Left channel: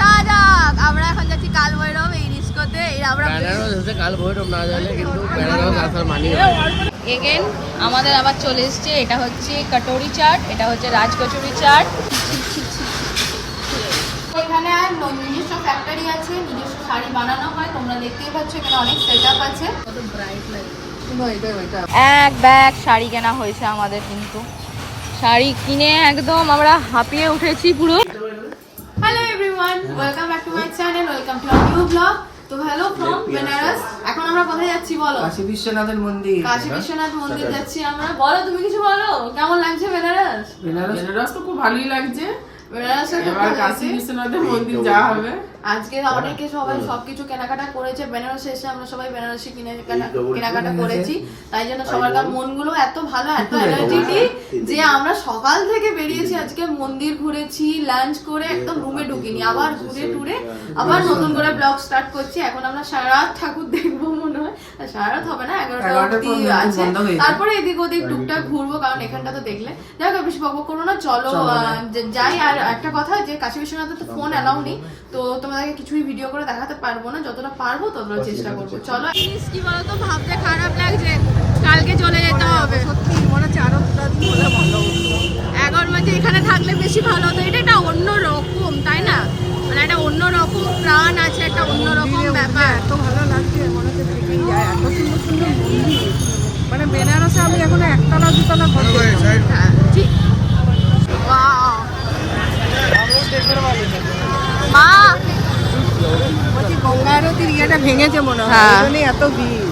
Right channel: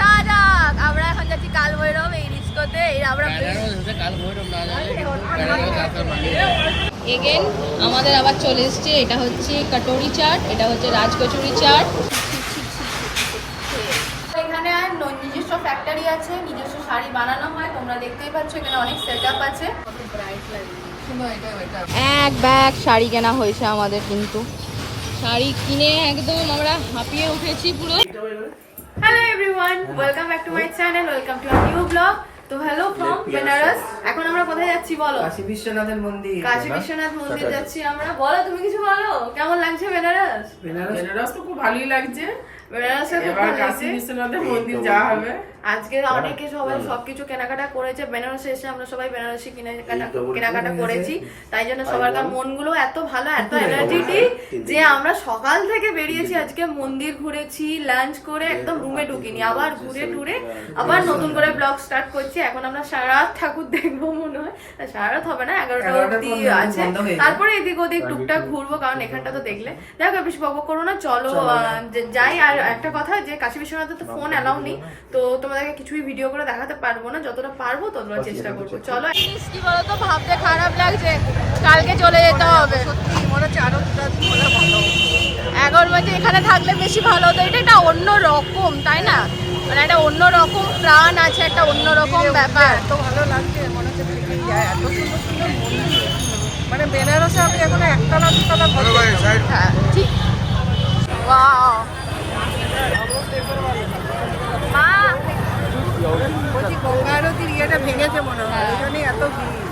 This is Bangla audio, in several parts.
যা যাক আমরা এখন যাচ্ছি কাল ভৈরব এই ডিস্কোতে। আমরা কাল ভৈরব না জানি কিন্তু আসার মানি এগেন আমাদের আবার চলে এসছে। এটা হচ্ছে কটোরি চাট, এটা হচ্ছে রাজকচুরি চাট। এখানে নিজস্ব ফ্যাক্টরি আছে, নিজস্ব শাড়ি বানানো হয়, তোমরা দেখতেই পাচ্ছ এখানে অনেক সেট আপ আছে। কত ব্রাইট লাগে। এক ব্যাগ শাড়ি কেনা হয়েছে আমাদের, কিন্তু শাড়ি কিনে একদম আমরা হাঁপিয়ে উঠেছি পুরো। Hello everyone, welcome back to my channel, welcome to our new blog. তো হ্যালো ফ্রম বেনারস। এখন আমরা কোথায় যাচ্ছি বলো? কাশী বিশ্বনাথের মন্দির। কাশী বিশ্বনাথ মন্দির যাচ্ছি আমরা। বলো তুমি কিছু বলো, কেমন লাগছে বেনারস? বেনারস তো খুব ভালোই লাগছে। বেনারসে এবার কাশী বিশ্বনাথের মন্দির যাওয়া হবে। আজকে অনেকে সবাই সবকিছু কেনাকাটা করেছে, বেনারসে এসে আমরা সবাই বেনারসি কেনাকাটা করেছি। তাই জন্য সবার মনগুলো এত ভালো, এত এনার্জেটিক যে আমরা সকাল থেকে বেরিয়েছি, আজকে মন্দির ঘুরেছি, লাঞ্চ করে একদম রুমে ঢুকিনি, আবার ঘুরে টুরে আবার নতুন করে ব্লগ স্টার্ট করছি। এখন আমরা সারা রাত ঠাকুর দেখবো মনে হয়, সারা রাত হবে না, 11টা অবধি আছে, তারপরে এদিক ওদিক টুকটাক ঘুরবো, কারণ এখানটা তো দেখলে দেখো বেশি বকবক করো না, চলো যাই। আর একটা কথা যে কাশী বিশ্বনাথে তো ফোন অ্যালাউ নেই, তো তোমাদেরকে কিছুই ভিডিও করে দেখাতে পারবো না, যতটা পারবো ততটা চেষ্টা করবো। চলো। জিনিস কি বলতো, ভাবতে খারাপ লাগছে, কালকে চলে যেতে হবে। সত্যি মনে হচ্ছে আরো 2 দিন হলে ভালো হতো। 11 মাসে এখানে থাকলে বেশি ভালো হতো। এটা একটা অন্য রকম, তাই না? মানে একটা অন্য রকম প্রাণ আছে, একটা অন্য রকম ব্যাপার। এত ভালো লাগছে, মনে হচ্ছে থেকে যায়। এত সুন্দর সুন্দর মন্দির, মানে বেনারসে আমি এখন 1তলা 2তলা ঘর দেখলাম। হ্যাঁ ঠিক। ওয়াও মা, বলছি গঙ্গা আরতির ইয়েটা ভেঙেছে মনে হয়, হ্যাঁ। ওই জন্যই এত ভিড়,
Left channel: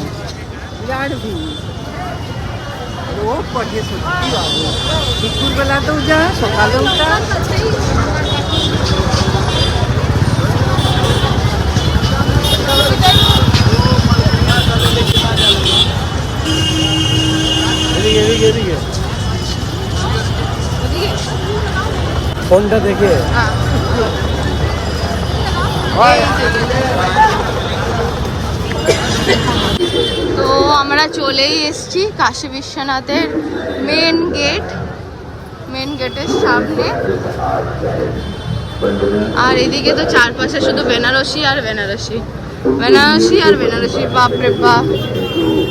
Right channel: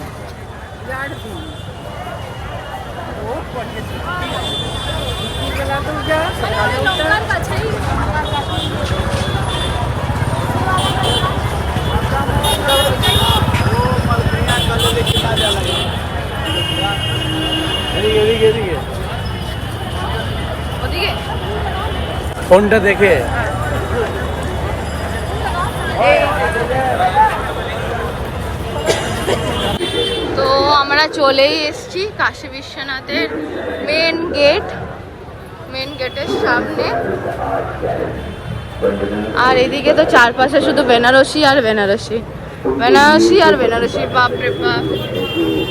বিরাট ভিড়। ও পড়িয়ে সত্যি বাবু, দুপুরবেলাতেও যা, সকালেও যা। ওদিকে ফোনটা দেখে হ্যাঁ। তো আমরা চলেই এসেছি কাশী বিশ্বনাথের মেন গেটের সামনে। আর এদিকে তো চারপাশে শুধু বেনারসি আর বেনারসি, বেনারসি আর বেনারসি, বাপরে বাপ।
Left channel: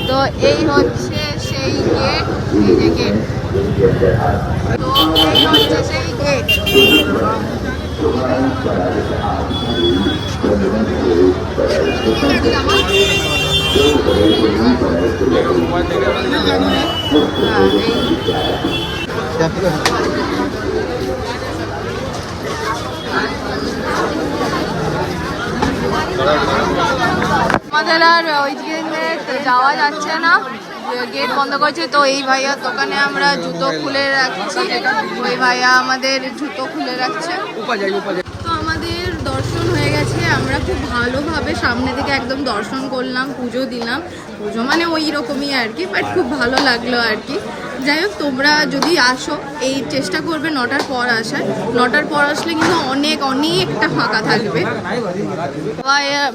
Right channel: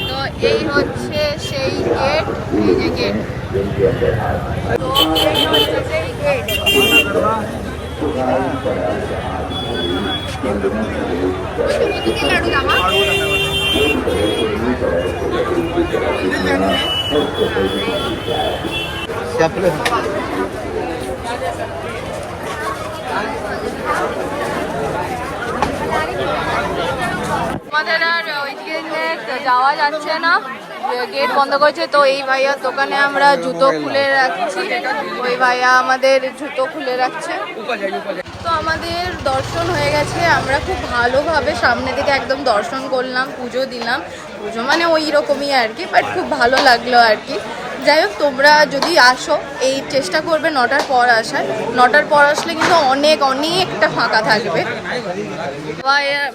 তো এই হচ্ছে সেই গেট, এই যে গেট, তো এই হচ্ছে সেই গেট। আমাদের আর ওই দিকে যাওয়া যাচ্ছে না, গেট বন্ধ করেছে। তো এই ভাইয়ার দোকানে আমরা জুতো খুলে রাখছি, ওই ভাইয়া আমাদের জুতো খুলে রাখছে। তো আমাদের দর্শন হয়ে গেছে, আমরা খুব ভালোভাবে সামনে থেকে একদম দর্শন করলাম, পুজো দিলাম। পুজো মানে ওই রকমই আর কি, বাট খুব ভালো লাগলো আর কি। যাই হোক, তোমরা যদি আসো এই চেষ্টা করবে 9টার পর আসার। 9টার পর আসলে কিন্তু অনেকটা ফাঁকা থাকবে।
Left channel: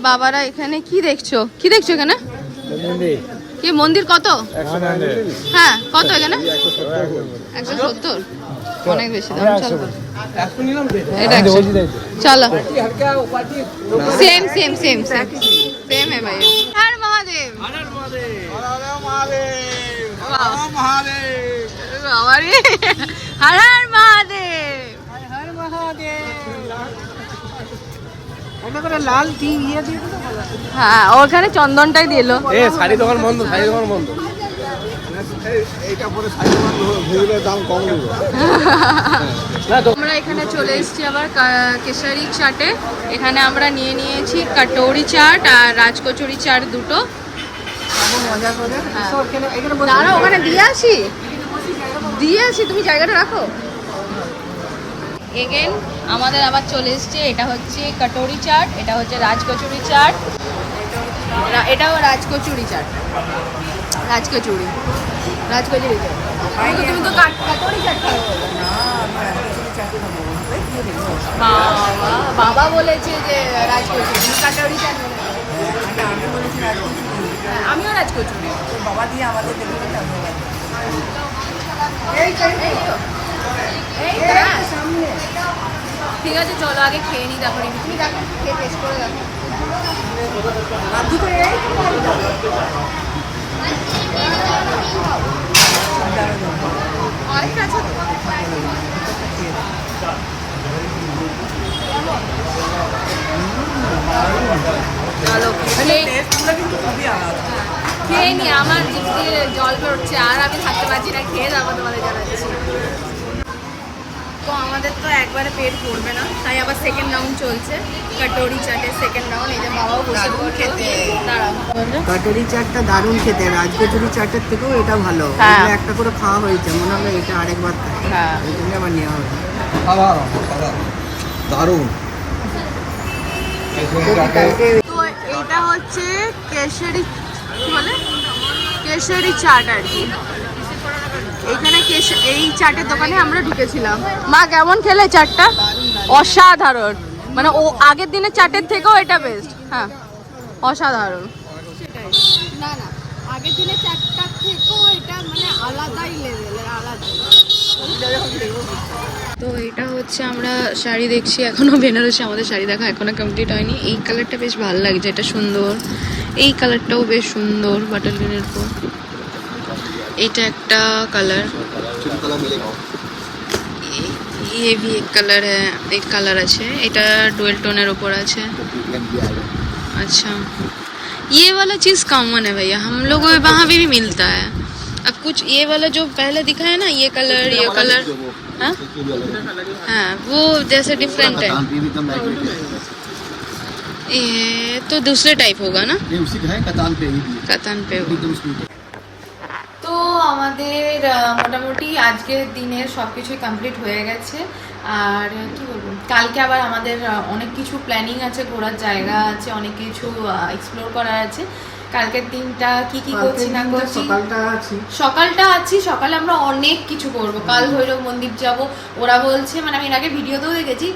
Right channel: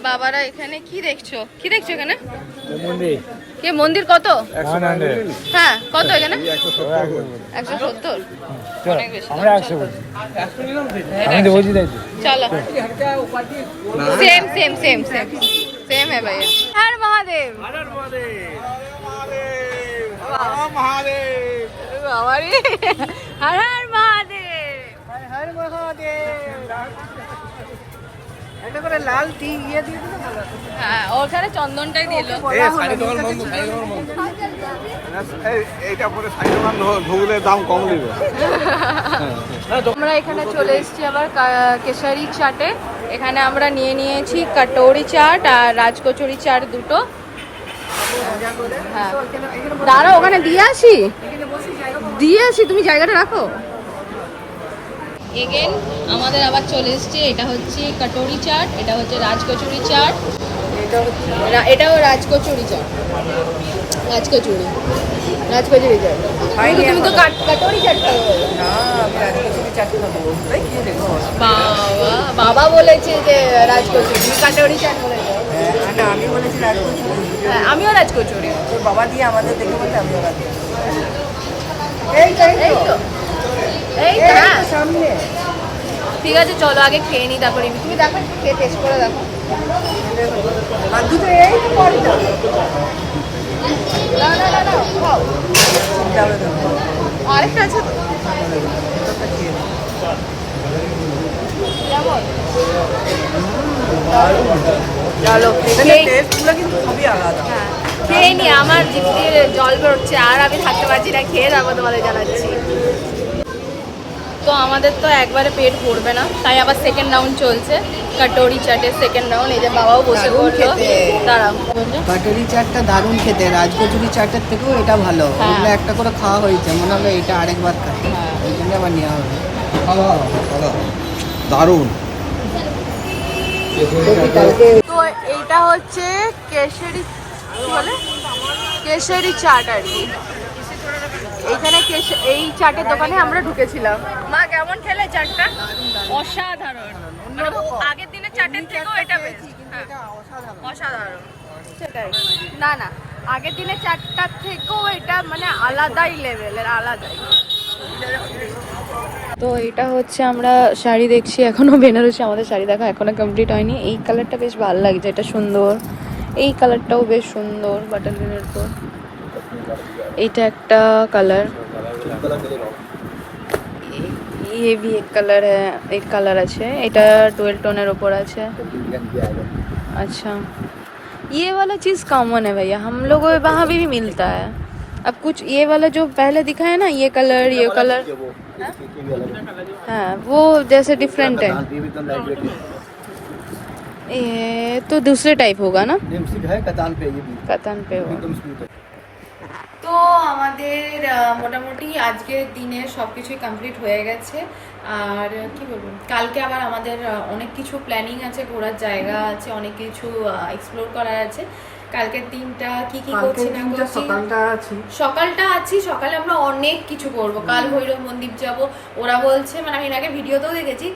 বাবারা এখানে কি দেখছো এখানে? কি মন্দির? কত? হ্যাঁ কত এখানে? 170, অনেক বেশি দাম। চলো সেম है भैया। हर महादेव, हर महादेव। লাল কি ইয়ে দিয়ে দিলে ভালো। হ্যাঁ ওখানে চন্দনটাই দিল। শাড়ি দোকান বন্ধ, শাড়ি দোকান বন্ধ। এইটা পরে শাড়ি দোকান ভুগলের দাম কম দিবে। আমরা এখানে চলে এসেছি আবার কেশারি চাটে। এখানে আমরা নিয়েছি কটোরি চাট আর রাজকচুরি চাট দুটো। মজা করে দাঁড়াও, ওখানে দিয়ে আসি, তুমি জায়গাটা রাখো। এগেন আমাদের আবার চলে এসছে। এটা হচ্ছে কটোরি চাট, এটা হচ্ছে রাজকচুরি চাট, এটাও রাজকচুরি চাট, রাজকচুরি চাট। তুমি তো কটোরি চাট বাবা বলেছে যে রাজকচুরি, কটোরি চাট বলেছে। আমি বলেছি রাজকচুরি, আমিও রাজকচুরি। বাবা দিয়ে আমাদের দেখে বলতে আমি এই তো হ্যাঁ সামনে ঠিক আছে চলো আগে খেয়ে নিই, তারপরে তুমি দেখো খেয়ে টেস্ট করে দেখো। আরেকটা আছে চলো খেয়ে নি, আমার জিভ দিয়ে জল বেরোচ্ছে আর আমি থাকতে পারছি না, খেয়ে তারপর তোমাদের জানাচ্ছি। তো আমাদের তো একবারে পেট ভরবে না, তাই আবার সেকেন্ড রাউন্ড চলছে, কাটোরি চাটের সেকেন্ড রাউন্ড। এই যে বাবাও বসে পড়লো, দাঁড়া কাটরি চাটটা দারুণ খেতে, রাজকচুরি চাটের থেকেও এটা ভালো। এগুলো একটা করে খাওয়া হয়েছে, মনে হলো এটা আরেকবার খাই, ওই জন্য আবার নেওয়া হবে। দারুণ। তো এটা হচ্ছে কেশরি, কি বলে কেশরি চাট আর কি। এখানে এই চাটের দোকানে আমরা ঢুকেছিলাম। মা কেমন খেলে চাটটা? অসাধারণ, মানে ও আগের দিনের চাটের থেকেও এটা বেস্ট। হ্যাঁ অসাধারণ, সেটাই না না আগের দিনের চাটটার থেকেও এটা মানে আলাদাই লেভেলের, আলাদাই। তো এটা হচ্ছে আমরা শাড়ি দেখছি, এখনো বেনারসি আমাদের শাড়ি দেখা এখনো কমপ্লিট হয়নি। এই কালারটা বেশ ভালো লাগছে, এটা সুন্দর। এই কালারটাও বেশ সুন্দর, বাটার গ্রিনের পর। এটা একটা কালার, ये भी एक कलर है, एक कलर আছে, এটা ডুয়েল টোনের ওপর আছে। अच्छा ये वाला चीज़ कॉमन है भैया, हम लोग वहाँ भी मिलता है। अब कुछ ये वाला जो पहले दिखा है ना, ये कलर हाँ वो जैसे डिफरेंट है। ये तो दूसरे टाइप होगा ना, कतान पे होगा। তো আমাদের মোটামুটি আজকের দিনে সব কিছুই কমপ্লিট হয়ে গেছে। আর কি বলবো, কালকে আবার আমাদের অনেক কিছু প্ল্যানিং আছে, ঘোরার জায়গা আছে, অনেক কিছু এক্সপ্লোর করার আছে। কালকের দিনটা কি কি করছি না করছি, সকালটা আছি, সকালে আমরা অনেক কিছু করব। কাল ভৈরব মন্দির যাব, ওরা বলছে, মানে আমি এর আগে ভিডিওতেও দেখেছি,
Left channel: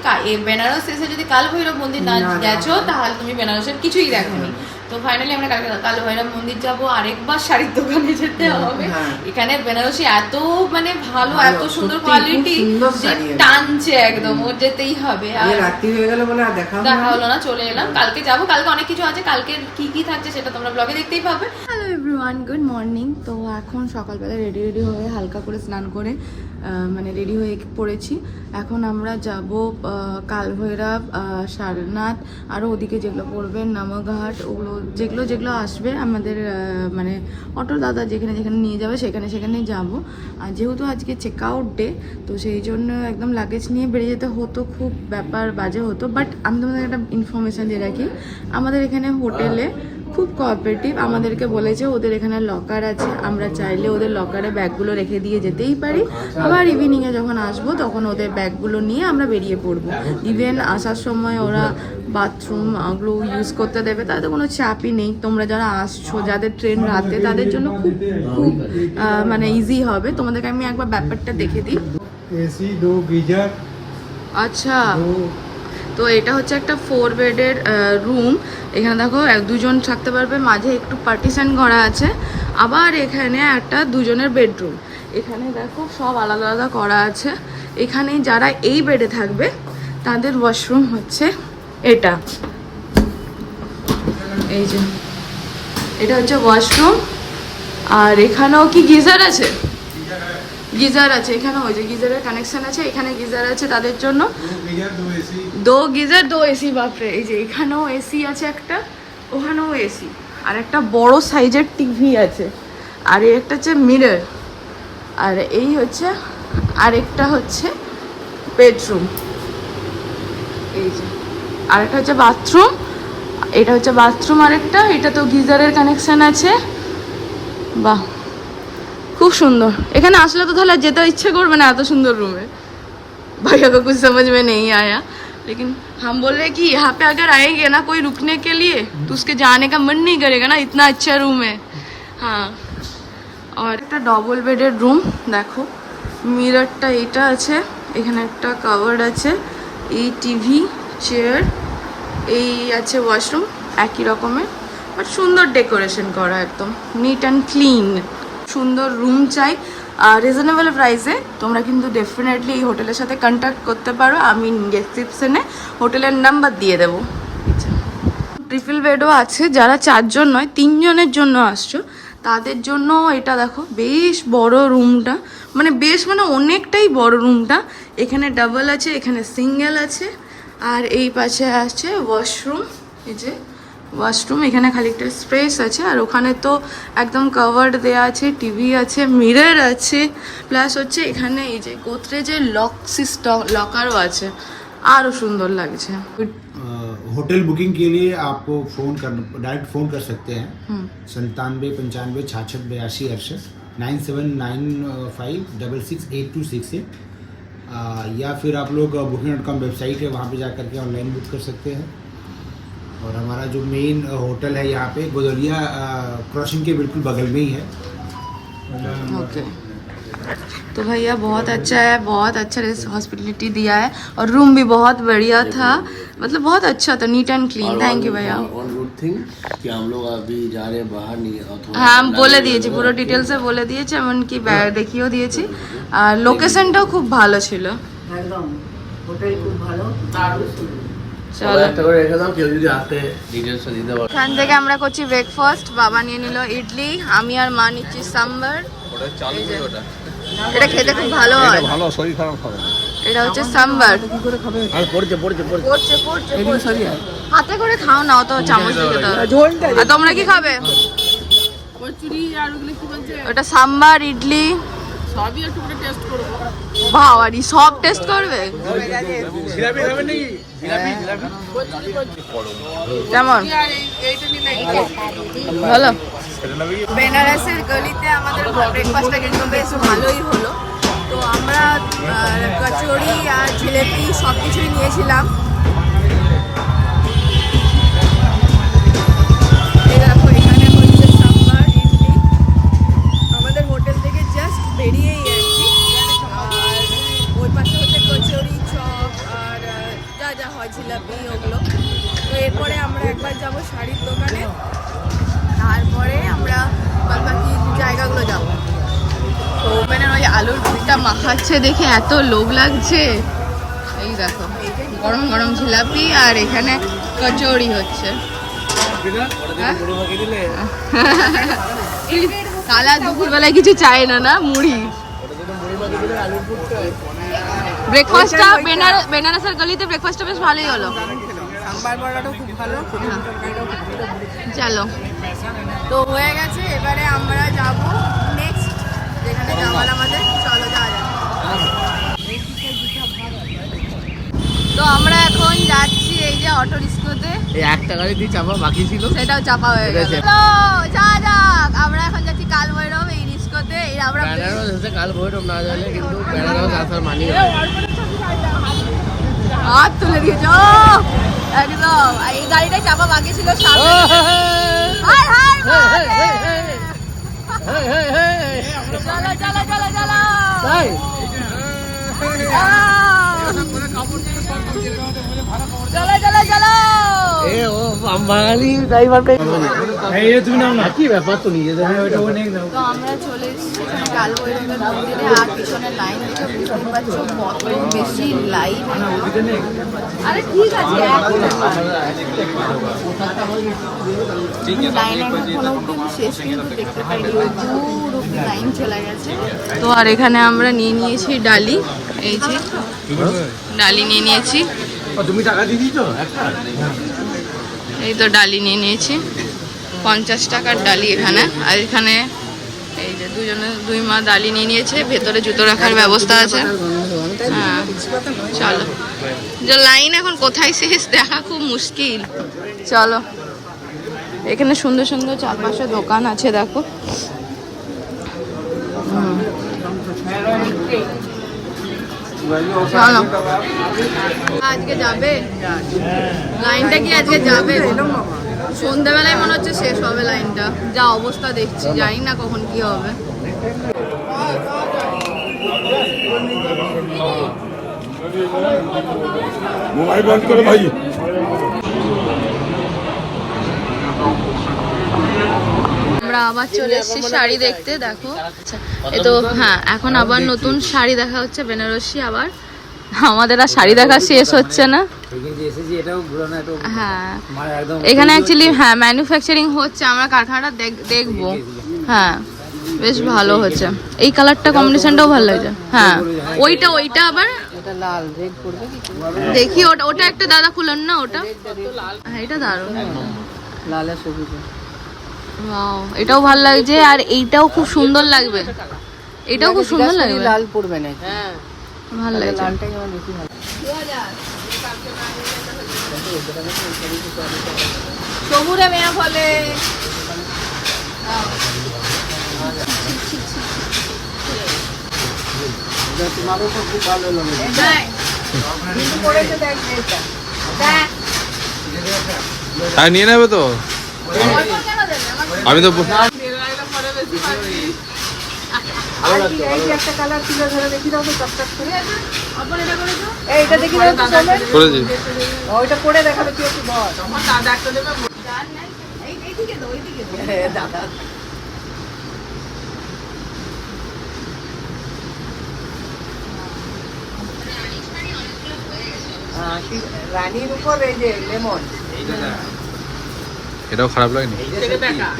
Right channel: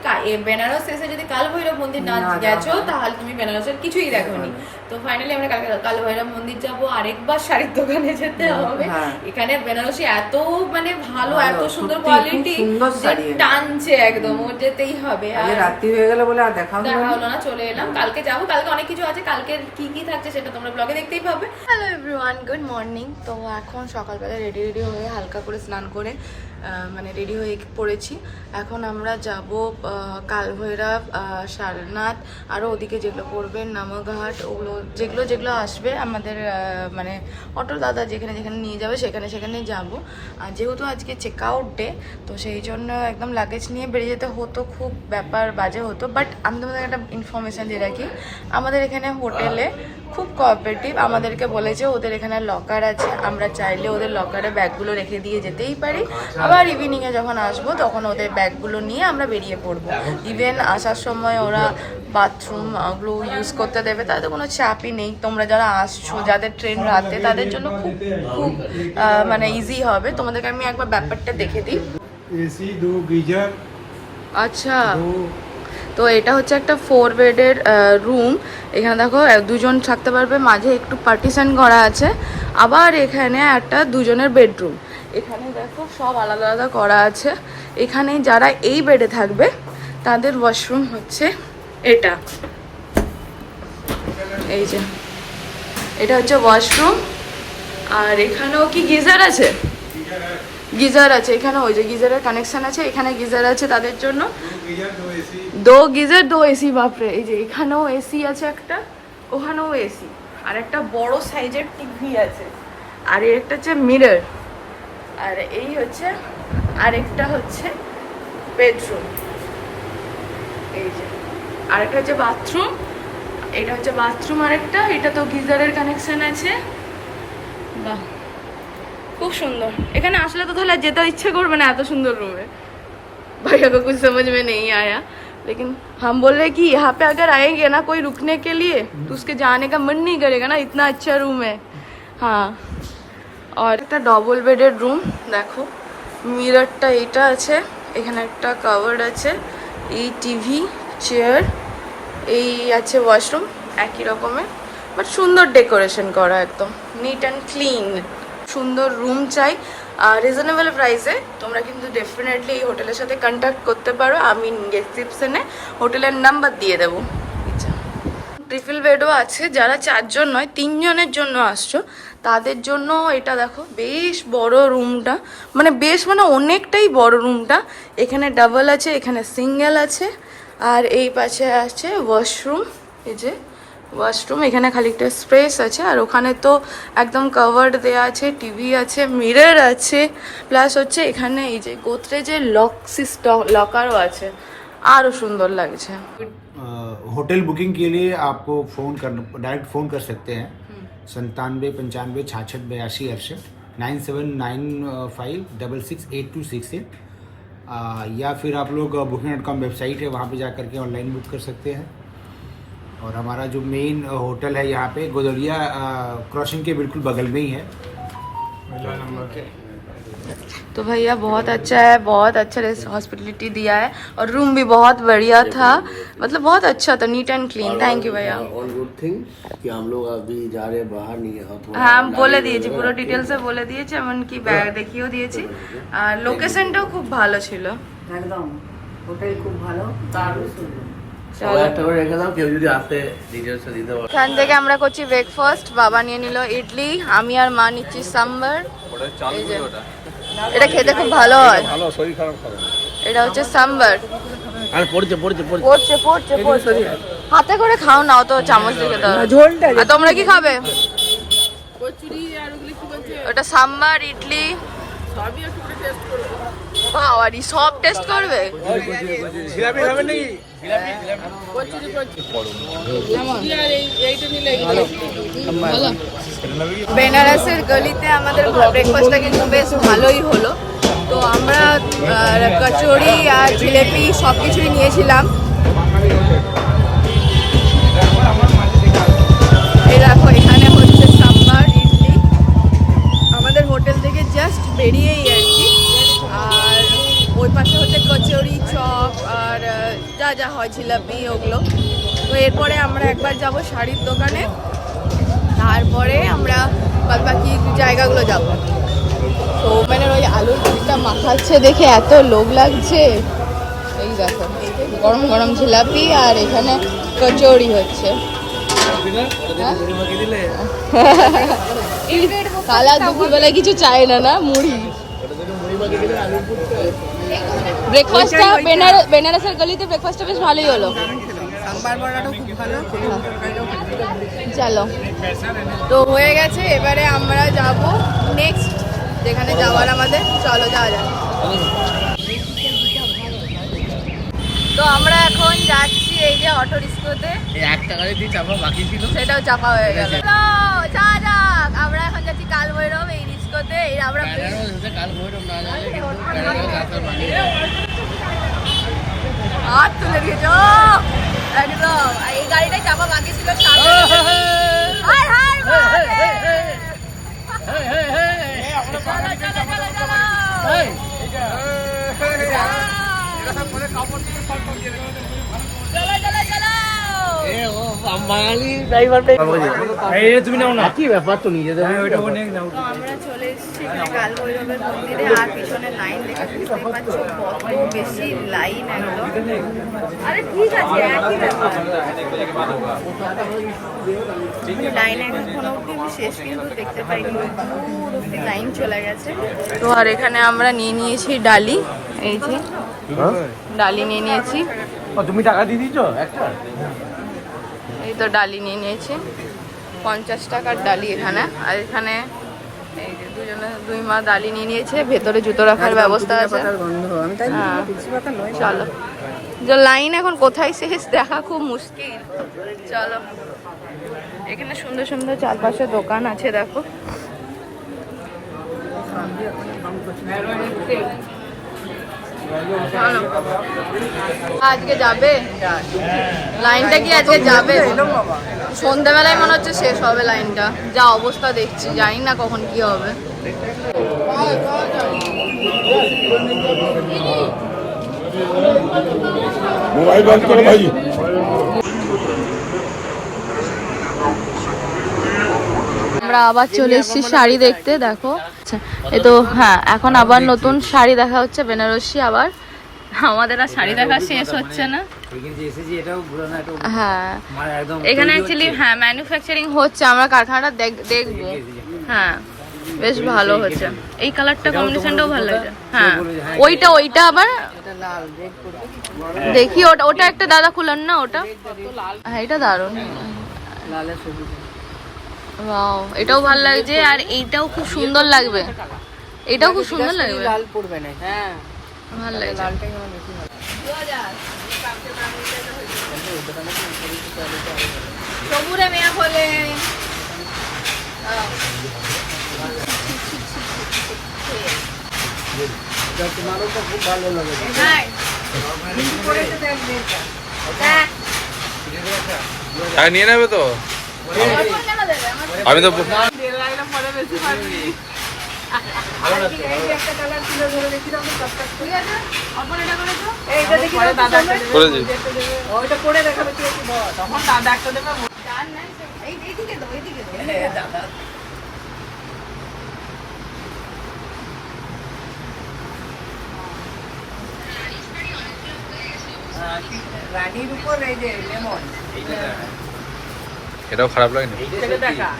বেনারস এসে যদি কাল ভৈরব মন্দির না গেছো তাহলে তুমি বেনারসের কিছুই দেখোনি। তো ফাইনালি আমরা কাল ভৈরব মন্দির যাব। আরেকবার শাড়ির দোকানে যেতে হবে, এখানে বেনারসি এত মানে ভালো, এত সুন্দর কোয়ালিটি যে টানছে একদম, ওর যেতেই হবে। আর রাত্রি হয়ে গেল বলে আর দেখা হলো না, চলে এলাম। কালকে যাব, কালকে অনেক কিছু আছে, কালকে কি কি থাকছে সেটা তোমরা ব্লগে দেখতেই পাবে। Hello everyone, good morning. তো এখন সকালবেলা রেডি হয়ে হালকা করে স্নান করে মানে রেডি হয়ে পড়েছি। এখন আমরা যাব কালভৈরব, সারনাথ, আরও ওদিকে যেগুলো পড়বে নামঘাট, ওগুলো যেগুলো আসবে আমাদের মানে অটো দাদা যেখানে নিয়ে যাবে সেখানে যাব। আর যেহেতু আজকে চেক আউট ডে, তো সেই জন্য একদম লাগেজ নিয়ে বেরিয়ে যেতে হতো, খুব ব্যাপার বাজে হতো। বাট আমি তোমাদের একটা ইনফরমেশান দিয়ে রাখি, আমাদের এখানে হোটেলে খুব কোঅপারেটিভ, আমাদেরকে বলেছে ওদের এখানে লকার আছে, আমরা চাইলে ওদের লকারে ব্যাগগুলো রেখে দিয়ে যেতেই পারি। আবার ইভিনিংয়ে যখন আসবো তখন ওদের ব্যাগগুলো নিয়ে আমরা বেরিয়ে পড়বো। ইভেন আসার সময় ওরা বাথরুম ওগুলো ইউজ করতে দেবে, তাদের কোনো চাপই নেই। তোমরা যারা আসছো, যাদের ট্রেন রাতে, তাদের জন্য খুব খুব মানে ইজি হবে। তোমাদেরকে আমি একবার ব্যাপারটা দেখে দিই। AC 2 geyser. আচ্ছা, তো এটা হচ্ছে একটা 4 বেডের রুম। এখানে দেখো দুজন থাকতে পারবে, মাঝে একটু পার্টিশন করা আছে। আবার এখানে একটা দুজনের বেডরুম, এখানে দেখো সব আলাদা আলাদা করা আছে। এখানে যারা এই বেডে থাকবে তাদের ওয়াশরুম হচ্ছে এটা, এই যে এটা হচ্ছে ওয়াশরুম। আর এখানেও কি গিজার আছে, গিজার আছে এখানে, ওই যে গিজারের কানেকশন আছে, এখানে গিজার আছে তাদের জন্য। 2 গিজার 2 এসি, বাপরে। এই যে এখানেও এসি আছে একটা, ওখানেও এসি, আর একটা বড় সাইজের টিভি আছে। আর এই একটা হচ্ছে মিরর, আর এই হচ্ছে আরেকটা হচ্ছে বেডরুম। এই যে আরেকটা হচ্ছে বাথরুম, এটা হচ্ছে বাথরুম আরেকটা, এটা তো গিজারের কানেকশন আছে। বাহ, খুব সুন্দর। এখানে আসলে তো তাহলে যেতে ইচ্ছে করবে না, এত সুন্দর रूम है। भैया को कुछ समझ में नहीं आया, लेकिन हम बोल रहे कि यहाँ पे अगर आएंगे ना कोई रुकने के लिए तो उसके जाने का मन नहीं करेगा ना, इतना अच्छा रूम है। हाँ, और একটা ডবল বেডের রুম। দেখো মিররটা এইটা আছে, এখানে একটা কাভার্ড আছে, এই টিভি, চেয়ার, এই আছে ওয়াশরুম একই রকমের, বাট সুন্দর ডেকোরেশন করা, একদম নিট অ্যান্ড ক্লিন। সুন্দর রুম চাই, রিজনেবল প্রাইসে তোমরা কিন্তু ডেফিনেটলি এই হোটেলের সাথে কন্ট্যাক্ট করতে পারো। আমি ডেসক্রিপশনে হোটেলের নাম্বার দিয়ে দেবো। ট্রিপল বেডও আছে, যারা 4 জন নয় 3 জনের জন্য আসছো তাদের জন্য এটা দেখো বেশ বড় রুমটা, মানে অনেকটাই বড় রুমটা। এখানে ডাবল আছে, এখানে সিঙ্গেল আছে, আর এই পাশে আছে ওয়াশরুম। এই যে ওয়াশরুম, এখানে খালি একটা স্পেস আছে, আর ওখানে তো একদম কভার্ড দেওয়া আছে, টিভি আছে, মিরর আছে, প্লাস হচ্ছে এখানে এই যে গোদরেজের লকারও আছে, আরও সুন্দর লাগছে। होटल बुकिंग के लिए आपको फोन कर डायरेक्ट फ़ोन कर सकते हैं 97 95 66 82 68 9795668268 या फिर आप लोग booking.com वेबसाइट है वहाँ पे जा करके ऑनलाइन बुक कर सकते हैं। और हमारा जो मेन होटल है यहाँ पे गोदलिया क्रॉसिंग के बिल्कुल बगल में ही है। ओके तो भैया बहुत अच्छा है, बहुत अच्छा हॉस्पिटलिटी दिया है, और रूम भी बहुत बढ़िया था, मतलब बहुत अच्छा था, neat and clean. Thank you भैया। और गुड थिंग कि हम लोग अभी जा रहे बाहर नहीं है, হ্যাঁ আমি বলে দিয়েছি, পুরো ডিটেলসে বলে দিয়েছি, এমনকি ব্যাগ দেখিয়েও দিয়েছি, আর লোকেশনটাও খুব ভালো ছিল। একদম হোটেল খুব ভালো, দারুণ সুন্দর। চলো রেখে দাও, কেউ যদি আসতে ডিটেলস দিতে পারে। এখান থেকে আমরা করছি ব্রেকফাস্ট। বাবা নিয়ে নিল ইডলি, আমি আর মা নিচ্ছি সাম্বার। এই যে এটা খেতে খুব ভালো হয়, ভালো, শরীর খারাপ করে না। এটা হচ্ছে সাম্বার। আর পড়ছে পড়ছে পড়ছে পড়ছে পড়ছে পড়ছে। হাতে করে খাও না, অত চামচ দিয়ে খেতে হবে। আর তোমরা কি খাবে? কচুরি আর ওগুলো কি বলছে ওটা সাম্বার, ইডলি, সবই একটু করে টেস্ট করবো। বাবারি সব টেস্ট করবে জিলাপি খাবেন নাকি? যেমন আর এইটা নিলে ভালো। বেনারসের গলিতে আমাদের ব্রেকফাস্টটা কিন্তু বেশ ভালোই হলো। তো আমরা কচুরি আর জিলেপি সব কিছুই নিয়েছিলাম। এই দেখো এখানে হচ্ছে সাম্বার, ইডলি, আমাদের হোটেল থেকে জাস্ট বেরিয়েই আর কি। আর ওই পাশে হচ্ছে কচুরি, চপ আর যা যা হয় জিলাপি ওগুলো। তো এরপরে আমরা একবার যাব শাড়ির দোকানে, তারপরে আমরা বাকি জায়গাগুলো যাব। তো মানে ওই আলুর পুরটা মাখাচ্ছে দেখে এত লোভ লাগছে। এই দেখো গরম গরম জিলাপি, আর এখানে কচুরি হচ্ছে। কালা দুপুরবেলায় কিছু চাই না, না মুড়ি। ব্রেকফাস্টটা বেনারসের গলিতে ব্রেকফাস্টটা বেশ ভালোই হলো। সাম্বার বড়াটাও খুব ভালো। চলো তো হয়ে গেছে, এবারে আমরা যাব নেক্সট যেখানে যাওয়ার আমাদের। চলো যাওয়া যাক। তো আমরা এখন যাচ্ছি এই যে অটো রিস্কোতে। এই 1 টাকা দিয়ে চাপা বাকি ছিল, সেটাও চাপা হয়ে গেল। যাওয়া যাক, আমরা এখন যাচ্ছি কাল ভৈরব এই রিস্কোতে। আমরা কাল ভৈরব না যাবে কিন্তু বেনারস আসার মানে হাত তুলে দিয়েছ একদম। আর এই গাড়িটা চাপা বাকি ছিল সামনে। হাই হাই চলো চলো চলো চলো। চলো চলো চলো। তো আমরা চলে এসেছি এখানে কাল ভৈরবের মন্দিরে, আর পিছনে লাইন দেখে বুঝতেই পারছো কত বেশি লাইন। আরে ঠিক আছে একই ব্যাপার, লাইন এখনো অব্দি শেষ কিন্তু দেখতে পাইনি, দূর অব্দি লাইন চলে গেছে। তো আর এখানে আমরা নিয়ে নিয়েছি ডালি, এই যে ডালি নিয়ে নিয়েছি। তুমি টাকা দিয়ে দিয়েছো একটা? এই তো ডালি নিয়ে নিয়েছি, 50 টাকার ডালি এখানে। আর এখানে এই যে দুই মা ডালি নিয়ে নিয়েছে, ভেতরে জুতো রাখার ব্যবস্থা আছে। হ্যাঁ চলো, যে লাইন এখন কোথায় শেষ দেখা খুব মুশকিল। চলো, এখানে সুন্দর সুন্দর চারপাশে দোকান আছে দেখো। চলো আজকে যাবে লাইনটা, কি আজকে যাবে? সন্ধ্যাবেলায় মনে হচ্ছে শেষ হবে লাইনটা, যা অবস্থা দেখছি, জানি না কখন কি হবে। মোবাইল বন্ধ করো ভাই। আমরা আবার চলে এসেছি শাড়ি দেখতে, দেখো এই তো। হ্যাঁ, এখন আবার নতুন শাড়ি দেখা হচ্ছে বেনারসি। আবার আমাদের আর শাড়ি দেখা শেষ হচ্ছে না। হ্যাঁ, এখানে অ্যাকচুয়ালি হ্যাঁ ম্যানুফ্যাকচারিং হচ্ছে, আমরা কারখানাটা দেখবো। হ্যাঁ, বেশ ভালো হচ্ছে। এই কালারটা কম্বিনেশনটাও ভালো লাগছে। হ্যাঁ, ওইটা আবার দেখি। ওটা একটা দাদা খুলেন না ওটা। হ্যাঁ, এটা দারুণ। ওয়াও, এটাও ভালো লাগছে। আর এইটাও খুব সুন্দর লাগবে, এটাও খুব সুন্দর লাগবে। লাল পড়বে না, ভালো লাগছে। লালটাই আমার বেশি ভালো। সবুরে মেয়া বলে তোমারও তো খুব ভালো লাগে। হ্যাঁ, নিয়ে নেবে তো। আমি তো একটা কালার তুলে ধরে দেখি দাও তো, চকচক করে। এইটা দেখি করেছি। ওইটা পরে দেখাবে কি একটু ধর। দাদা রানীর উপর এই যে লেমন, এটাও খারাপ লাগেনি।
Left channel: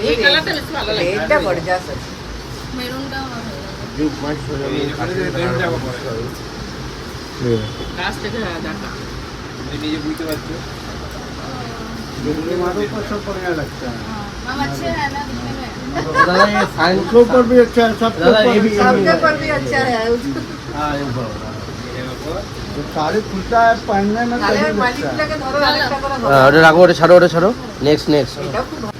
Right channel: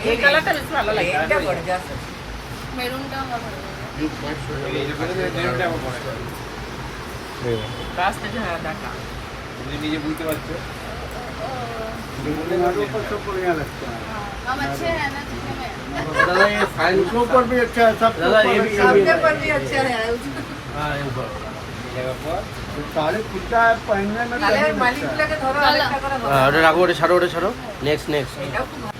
এই কালারটা বেশি ভালো লাগে। এটা পড়ে যাচ্ছে মেরুনটাও ভালো লাগছে। কাছ থেকে হ্যাঁ দেখা। নিজে বুঝতে পারছো मारो का सब बढ़िया लगता है। हम अच्छे हैं ना दिखने में? उसके ऊपर भी अच्छा है, सबके ऊपर भी अच्छा है। जो साड़ी खुलता है पहनने में তাহলে सही लगता है। মালিকটাকে ধরো আরেকটা করে বলো। ওটা রাখো, ওটা ছাড়ো। নেক্সট এটাও খুব ভালো।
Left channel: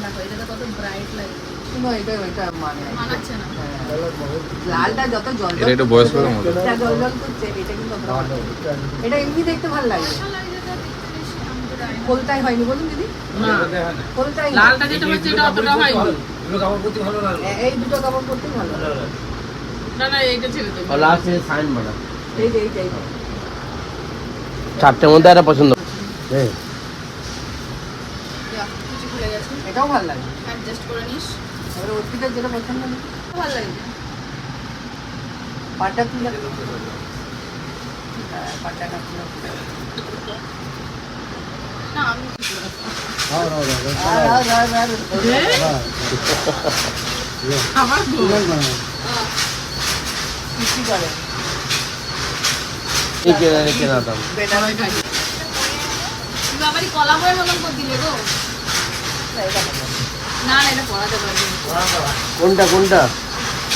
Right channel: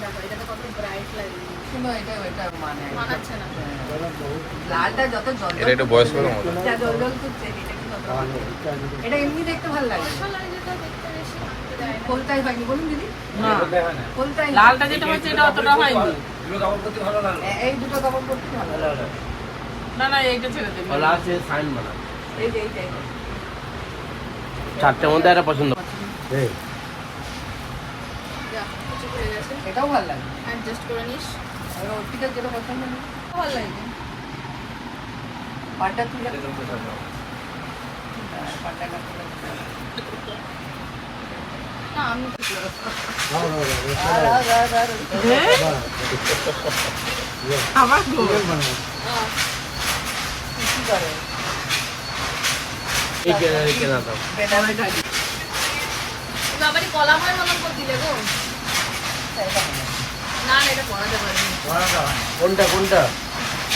দেখো এটাতে কত ব্রাইট লাগে, কিন্তু এটা মানে মানাচ্ছে না। লালটা যত জল এটা একটু বয়স হলো মতো। এটা জল করছে, এটা কিন্তু অতটা ভালো লাগে। এটা এমনি দেখতে ভালো লাগে। ভালো লাগে যেটা দেখতে বেশি আরামদায়ক। কোলটাই হয়নি বলুন দিদি, না, কোলটাই লালটা যেটা হচ্ছে এটা অতটা হয়নি। এই দুটো কাপড় পরতে ভালো লাগে। না না, এইটা ছেড়ে দিন। লাস্ট সাইন মারা এই যে এই যে চারটের মধ্যে একটা পছন্দ। যা, কিছু খুলে গেছে, এটাও ভালো লাগে। অ্যাডজাস্ট করে নিস। আর অর্পিতার যেটা পছন্দ নেই, ভালো লাগে। পাটা তুলে পাটা কাটতে না আমি हाँ हाँ আবার গো। কি করে এই কেনা দাম। সবাই খাই। তুমি আবারই কলা বই মতন করে দিলে গো। না না, এটা পড়াতে পারবি না। কোনটা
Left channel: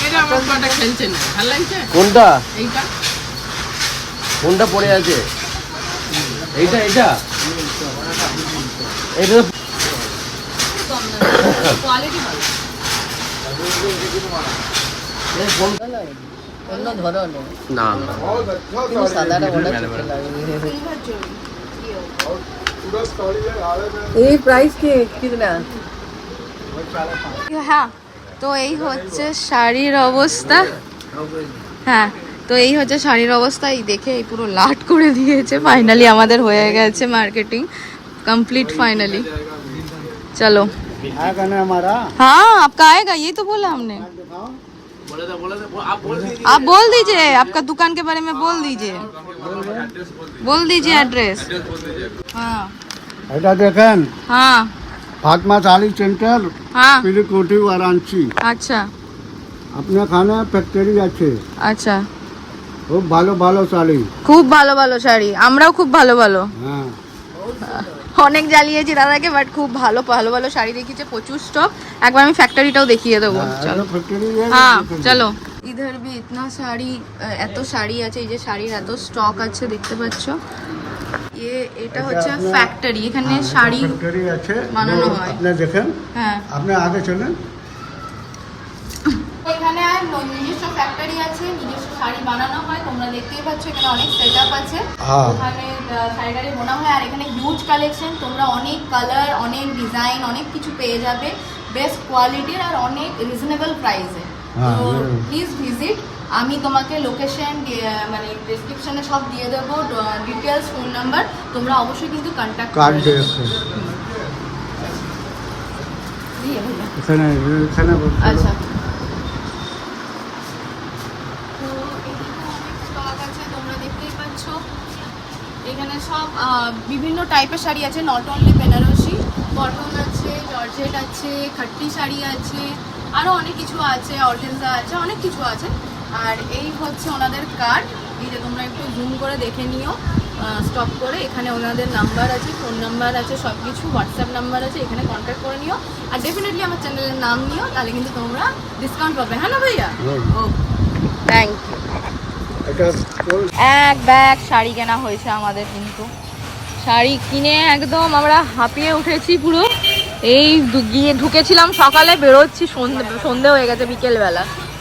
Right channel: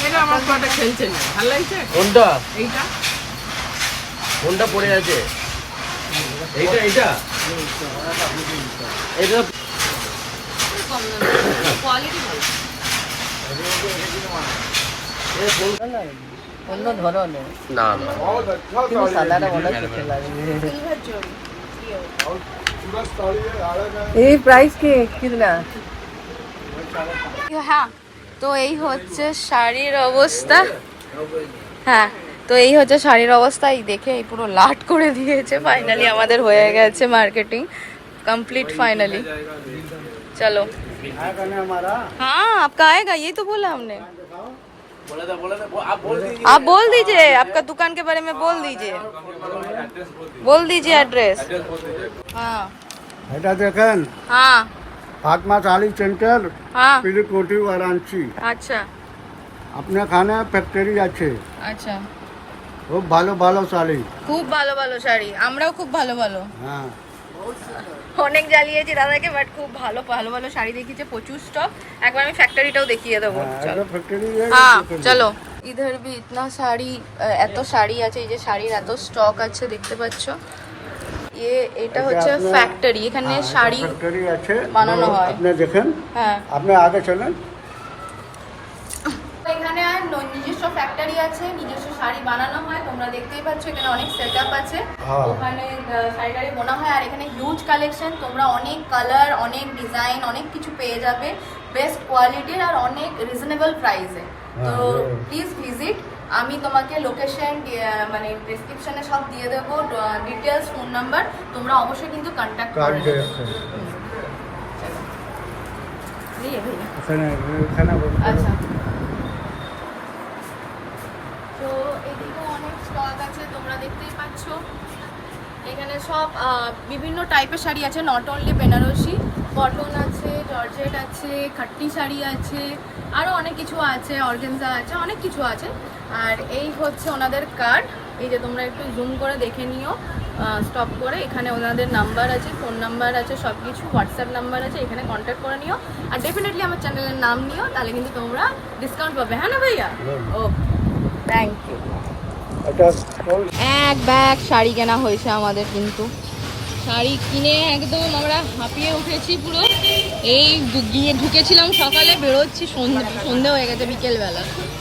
এটা আমার পাটা খেলছে না, ভালো লাগছে কোনটা এইটা। কোনটা পড়ে আছে? এইটা এটা খুব কম দামে, কোয়ালিটি ভালো। অন্য ধরো না সাদাটা বলে সিলভার জরি এই প্রাইস কি কিতনা? হ্যাঁ, তো এই হচ্ছে শাড়ির অবস্থা। হ্যাঁ, তো এই হচ্ছে শাড়ির অবস্থা। এই দেখে এই পুরো লাট করে দিয়েছে। ফাইনালি আমাদের হয়ে গেছে মার্কেটিং कंप्लीट फाइनली। चलो हमारा हाँ, आपका आएगा, ये तो बोला हमने। आप बोल दीजिए, आपका दुकान के बारे में बोल दीजिए एड्रेस। हाँ এটা দেখেন हाँ फातिमा साड़ी सेंटर हाँ, पिलीकोटी वाराणसी। अच्छा আপনার খানে ফ্যাক্টরি আছে, अच्छा, খুব ভালো ভালো শাড়ি। খুব ভালো ভালো শাড়ি, আমরাও খুব ভালো ভালো হ্যাঁ অনেক জ্বালিয়েছি দাদাকে, বাট খুব ভালো ভালো ভালো শাড়ি দেখিয়েছে, প্রচুর স্টক। একবার আমি ফ্যাক্টরিটাও দেখিয়ে দেবো। চলো ফ্যাক্টরি হ্যাঁ চলো। ইধার ভি ইতনা শাড়ি, এত শাড়ি আছে। এই যে শাড়ির এত স্টক আছে দেখতে পাচ্ছ। এটা হচ্ছে ফ্যাক্টরি, এখানে শাড়ি ফ্যাক্টরি আছে বানানো হয়। আপনি দেখেন, হ্যাঁ, আপনি আগে চলেন। এখানে নিজস্ব ফ্যাক্টরি আছে, নিজস্ব শাড়ি বানানো হয়। তোমরা দেখতেই পাচ্ছ এখানে অনেক সেটআপ আছে। হ্যাঁ। ওখানে শাড়ি টাড়ি বোনা হয়। আর এখানে হিউজ কালেকশন, তোমরা অনেক কালার, অনেক ডিজাইন, অনেক কিছু পেয়ে যাবে বেস্ট কোয়ালিটির আর অনেক রিজনেবল প্রাইসে। হ্যাঁ, তো হ্যাঁ। Please visit. আমি তোমাকে লোকেশন মানে ডেসক্রিপশনে সব দিয়ে দেবো, ডিটেলস, ফোন নাম্বার। তোমরা অবশ্যই কিন্তু কন্ট্যাক্ট কার্ড করবে। দেখেন। है भैया? खाना खाना আচ্ছা তো এদিকে অনেক স্টক আছে, তোমরা দেখতেই পাচ্ছ। এখানে সব বিভিন্ন টাইপের শাড়ি আছে, নট অনলি বেনারসি, কটন আছে, জর্জেট আছে, খাট্টি শাড়ি আছে, আরও অনেক কিছু আছে, অর্গেনজা আছে, অনেক কিছু আছে। আর এই হচ্ছে ওনাদের কার্ড, এই যে তোমরা একটু জুম করে দেখে নিও স্টপ করে। এখানে ওনাদের নাম্বার আছে, ফোন নাম্বার আছে, সব কিছু হোয়াটসঅ্যাপ নাম্বার আছে, এখানে কন্ট্যাক্ট করে নিও। আর ডেফিনেটলি আমার চ্যানেলের নাম নিও, তাহলে কিন্তু তোমরা ডিসকাউন্ট পাবে। হ্যাঁ না ভাইয়া? ও থ্যাংক ইউ। এটা এক ব্যাগ শাড়ি কেনা হয়েছে আমাদের, কিন্তু শাড়ি কিনে একদম আমরা হাঁপিয়ে উঠেছি পুরো। এই গিয়ে ঢুকেছিলাম সকালে, বেরোচ্ছি সন্ধে হয়ে গেছে বিকেলবেলা।